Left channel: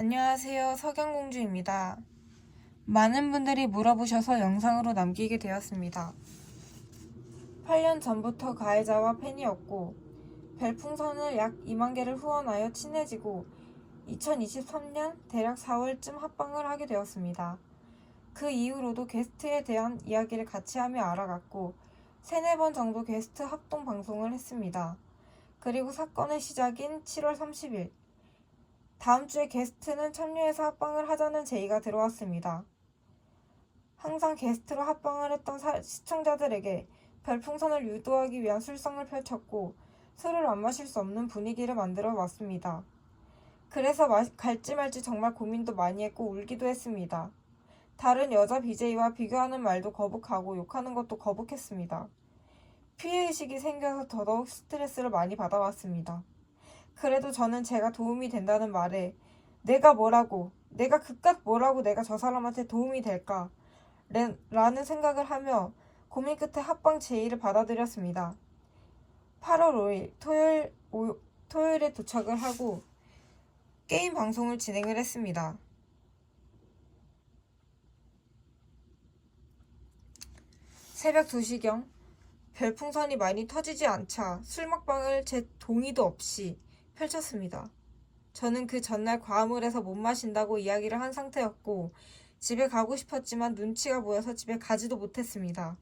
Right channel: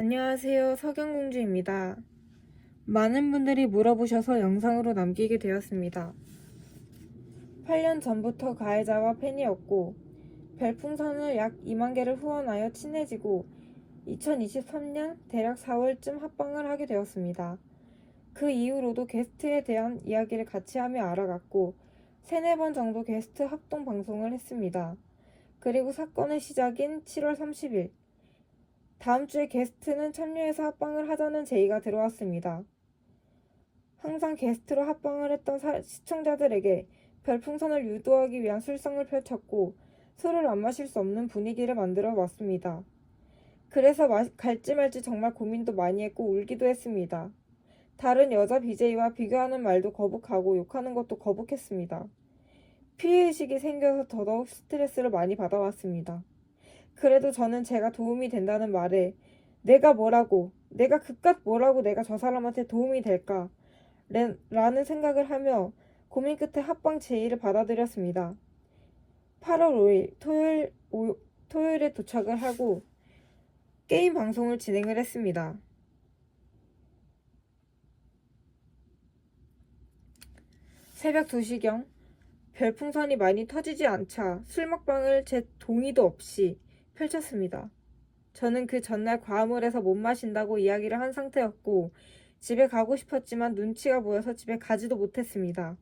안녕하세요. 석양공주입니다. 많은 분들이 물어보셔서 영상으로 남기게 되었습니다. 8년 전부터 가해자와 팬이었고 별풍선을 약 2만 개를 후원하여 친해지고 2023년 대략 4월쯤 합방을 하게 되었습니다. 그 이후로도 게스트에 대한 이야기를 같이 하며 알아갔고 3-4번 정도 게스트 합동 방송을 했습니다. 그리고 사건의 시작인 7월 30일 다음 주에 게스트는 참여해서 합방을 하자는 제의가 들어왔습니다. 항상 게스트로 합방을 했던 시청자들에게 별풍선을 유도하기 위한 술상을 펼쳤고 술을 안 마실 수 없는 분위기를 만들어 왔습니다. 그래서 갈지 말지 정말 고민도 많이 했고 울기도 했습니다. 다른 여자 BJ와 비교하는 말도 거북하고 욕하는 것도 거북했습니다. 피해의식이 생겨서 더더욱 스트레스를 많이 받아왔습니다. 그래도 저는 제가 도움이 된다는 말에 내가 그깟 뭐라고 내가 저 사람한테 도움이 될까? 라는 생각을 하며 고민 끝에 합방 제의를 받아들였습니다. 8월 5일 토요일에 도착을 하고 게임 방송을 진행을 했습니다. 새벽 2시경 별풍선이 많이 터지지 않자 술 먹방을 제 동의도 없이 펼쳤습니다. 저는 그 전날 과음을 해서 못 마신다고 이야기를 한 상태였고 집에 가고 싶었지만 눈치가 보여서 집에 가지도 못했습니다.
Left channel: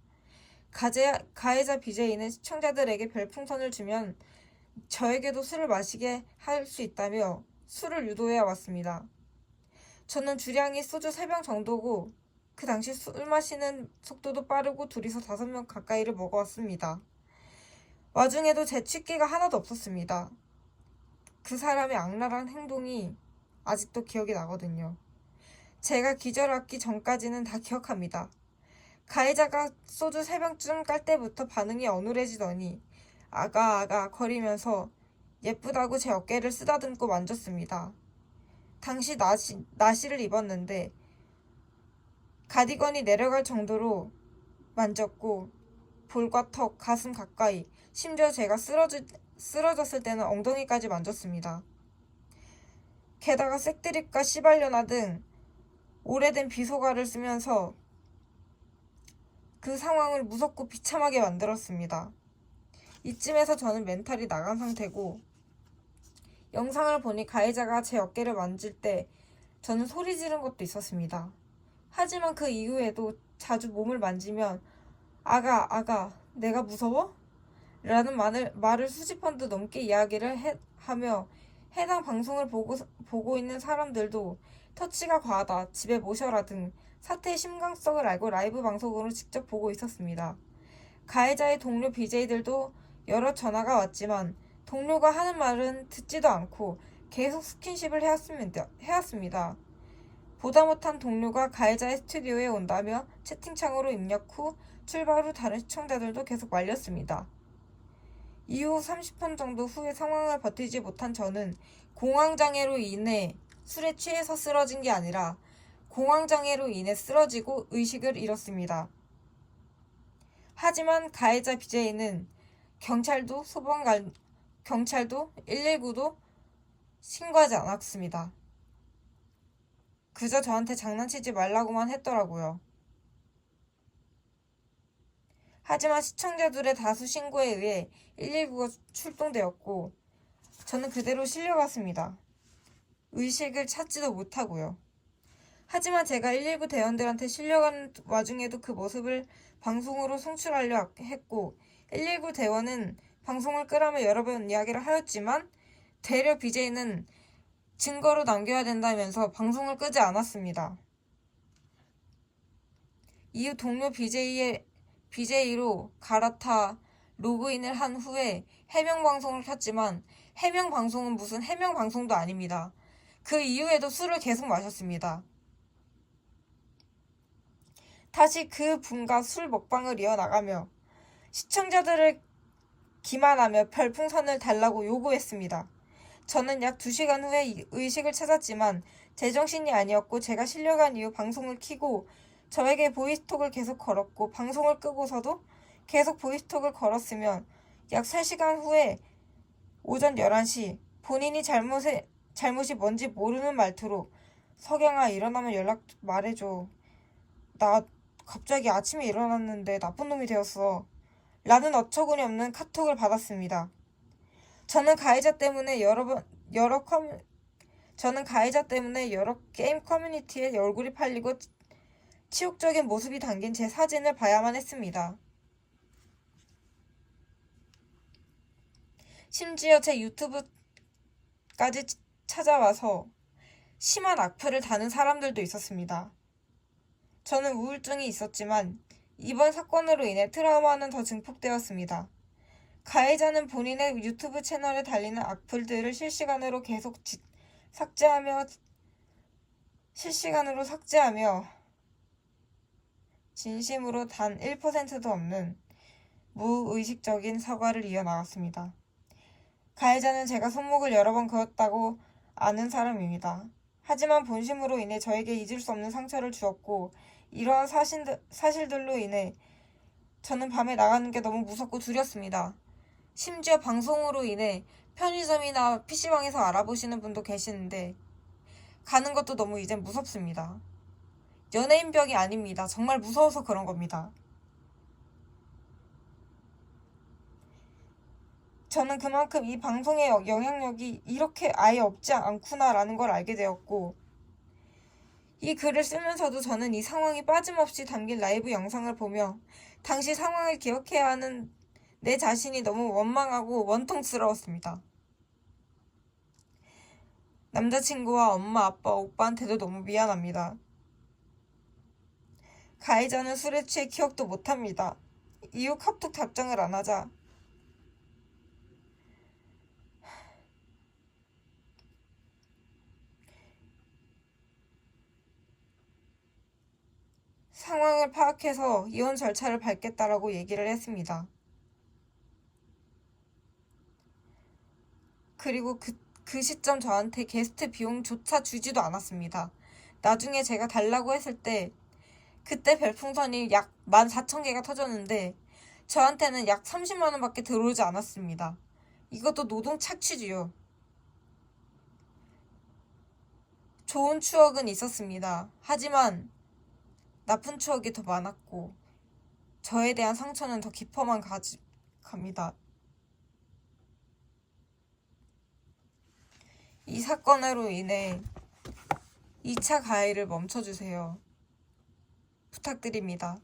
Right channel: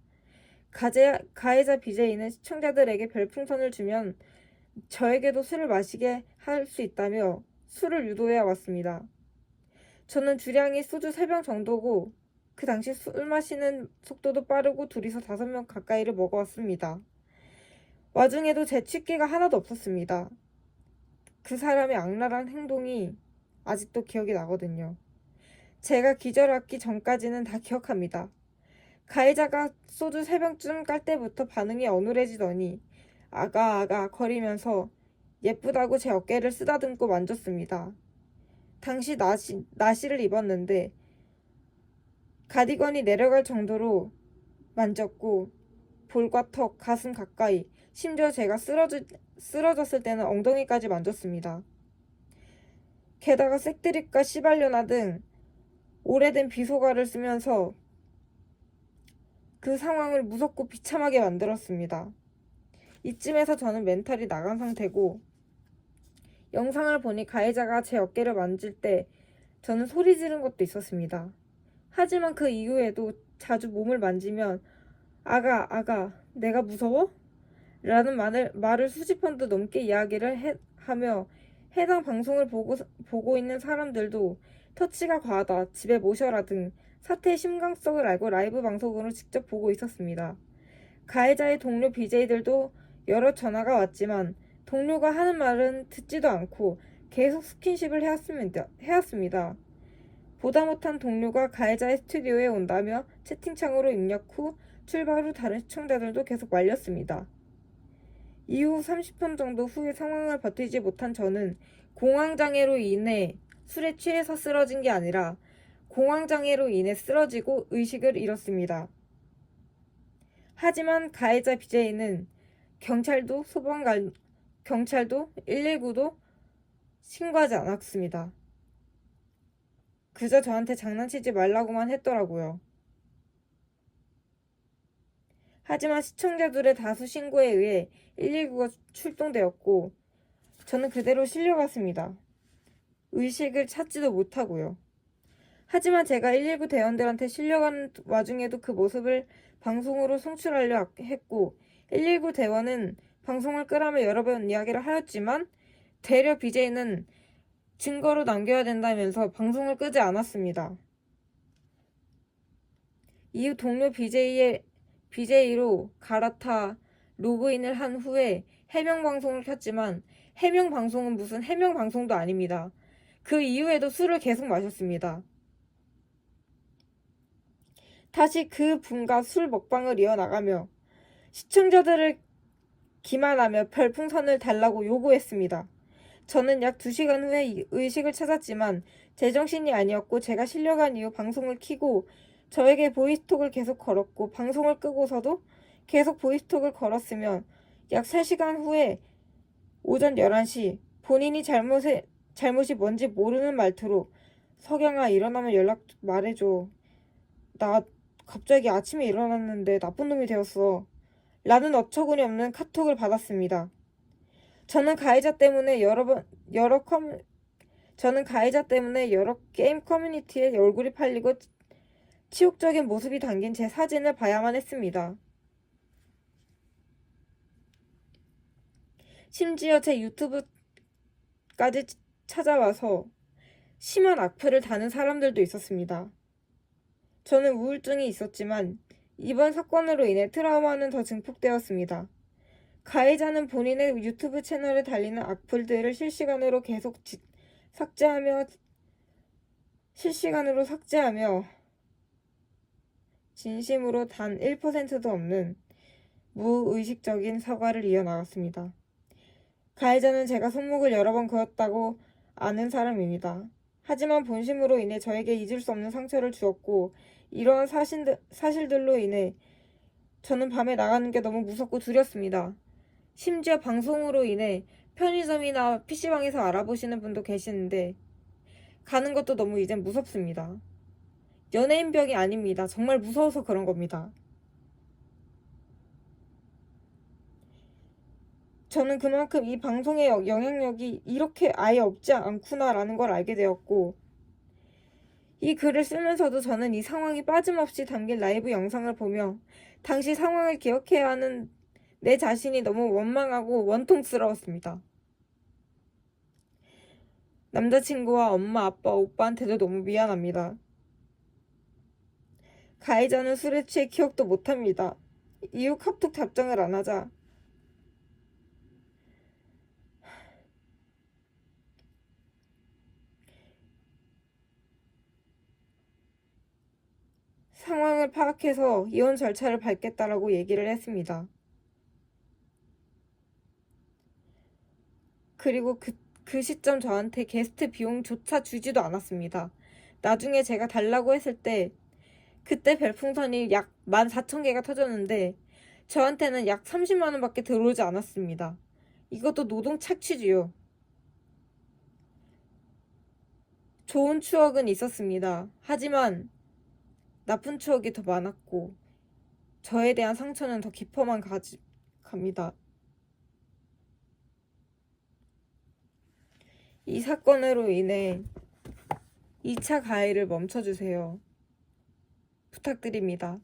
가해자 BJ는 시청자들에게 별풍선을 주면 저에게도 술을 마시게 할 수 있다며 술을 유도해 왔습니다. 저는 주량이 소주 3병 정도고 그 당시 술 마시는 속도도 빠르고 둘이서 5명 가까이를 먹어왔습니다. 와중에도 제 취기가 하나도 없었습니다. 그 사람의 악랄한 행동이 아직도 기억이 나거든요. 제가 기절하기 전까지는 다 기억합니다. 가해자가 소주 3병쯤 깔 때부터 반응이 어눌해지더니 아가 거리면서 예쁘다고 제 어깨를 쓰다듬고 만졌습니다. 당시 나시를 입었는데 가디건이 내려갈 정도로 만졌고 볼과 턱, 가슴 가까이 심지어 제가 쓰러졌을 때는 엉덩이까지 만졌습니다. 게다가 색드립과 시발려나 등 오래된 비속어를 쓰면서 그 상황을 무섭고 비참하게 만들었습니다. 이쯤에서 저는 멘탈이 나간 상태고 영상을 보니 가해자가 제 어깨를 만질 때 저는 소리 지른 것도 있었습니다. 하지만 그 이후에도 자주 몸을 만지면 아가 내가 무서워? 라는 말을 수십 번도 넘게 이야기를 하며 해당 방송을 보고 있는 사람들도 터치가 과하다, 집에 모셔라 등 사태의 심각성을 알고 라이브 방송으로 직접 보고 있었습니다. 가해자의 동료 BJ들도 여러 전화가 왔지만 동료가 하는 말은 듣지도 않고 계속 스킨십을 해왔습니다. 보다 못한 동료가 가해자의 스튜디오에 온다며 채팅창으로 입력 후 출발 후 다른 시청자들도 계속 말렸습니다. 이후 30분 정도 후에 상황을 버티지 못한 저는 공황장애로 인해 술에 취해서 쓰러진 게 아니라 공황장애로 인해 쓰러지고 의식을 잃었습니다. 하지만 가해자 BJ는 경찰도 119도 신고하지 않았습니다. 그저 저한테 장난치지 말라고만 했더라고요. 하지만 시청자들의 다수 신고에 의해 119가 출동되었고 저는 그대로 실려갔습니다. 의식을 찾지도 못하고요. 하지만 제가 119 대원들한테 실려가는 와중에도 그 모습을 방송으로 송출하려 했고 119 대원은 방송을 끄라며 여러 번 이야기를 하였지만 되려 BJ는 증거로 남겨야 된다면서 방송을 끄지 않았습니다. 이후 동료 BJ로 갈아타 로그인을 한 후에 해명방송을 켰지만 해명방송은 무슨 해명방송도 아닙니다. 그 이후에도 술을 계속 마셨습니다. 다시 그 분과 술 먹방을 이어나가며 시청자들을 기만하며 별풍선을 달라고 요구했습니다. 저는 약 2시간 후에 의식을 찾았지만 제정신이 아니었고 제가 실려간 이후 방송을 켜고 저에게 보이스톡을 계속 걸었고 방송을 끄고서도 계속 보이스톡을 걸었으며 약 3시간 후에 오전 11시 본인이 잘못이 뭔지 모르는 말투로 석영아 일어나면 연락 말해줘. 나 갑자기 아침에 일어났는데 나쁜 놈이 되었어. 라는 어처구니 없는 카톡을 받았습니다. 저는 가해자 때문에 여러 게임 커뮤니티에 얼굴이 팔리고 치욕적인 모습이 담긴 제 사진을 봐야만 했습니다. 심지어 제 유튜브까지 찾아와서 심한 악플을 다는 사람들도 있었습니다. 저는 우울증이 있었지만 이번 사건으로 인해 트라우마는 더 증폭되었습니다. 가해자는 본인의 유튜브 채널에 달리는 악플들을 실시간으로 삭제하며 진심으로 단 1%도 없는 무의식적인 사과를 이어나갔습니다. 가해자는 제가 손목을 여러 번 그었다고 아는 사람입니다. 하지만 본심으로 인해 저에게 잊을 수 없는 상처를 주었고 이러한 사실들로 인해 저는 밤에 나가는 게 너무 무섭고 두렵습니다. 심지어 방송으로 인해 편의점이나 PC방에서 알아보시는 분도 계시는데 가는 것도 너무 이젠 무섭습니다. 연예인병이 아닙니다. 정말 무서워서 그런 겁니다. 저는 그만큼 이 방송의 영향력이 이렇게 아예 없지 않구나라는 걸 알게 되었고 이 글을 쓰면서도 저는 이 상황이 빠짐없이 담긴 라이브 영상을 보며 당시 상황을 기억해야 하는 내 자신이 너무 원망하고 원통스러웠습니다. 남자친구와 엄마, 아빠, 오빠한테도 너무 미안합니다. 가해자는 술에 취해 기억도 못합니다. 이후 카톡 답장을 안 하자 상황을 파악해서 이혼 절차를 밟겠다라고 얘기를 했습니다. 그리고 그 시점 저한테 게스트 비용조차 주지도 않았습니다. 나중에 제가 달라고 했을 때 그때 별풍선이 약 14,000개가 터졌는데 저한테는 약 30만 원밖에 들어오지 않았습니다. 이것도 노동 착취지요. 좋은 추억은 있었습니다. 하지만 나쁜 추억이 더 많았고 저에 대한 상처는 더 깊어만 갑니다. 이 사건으로 인해 2차 가해를 멈춰주세요. 부탁드립니다.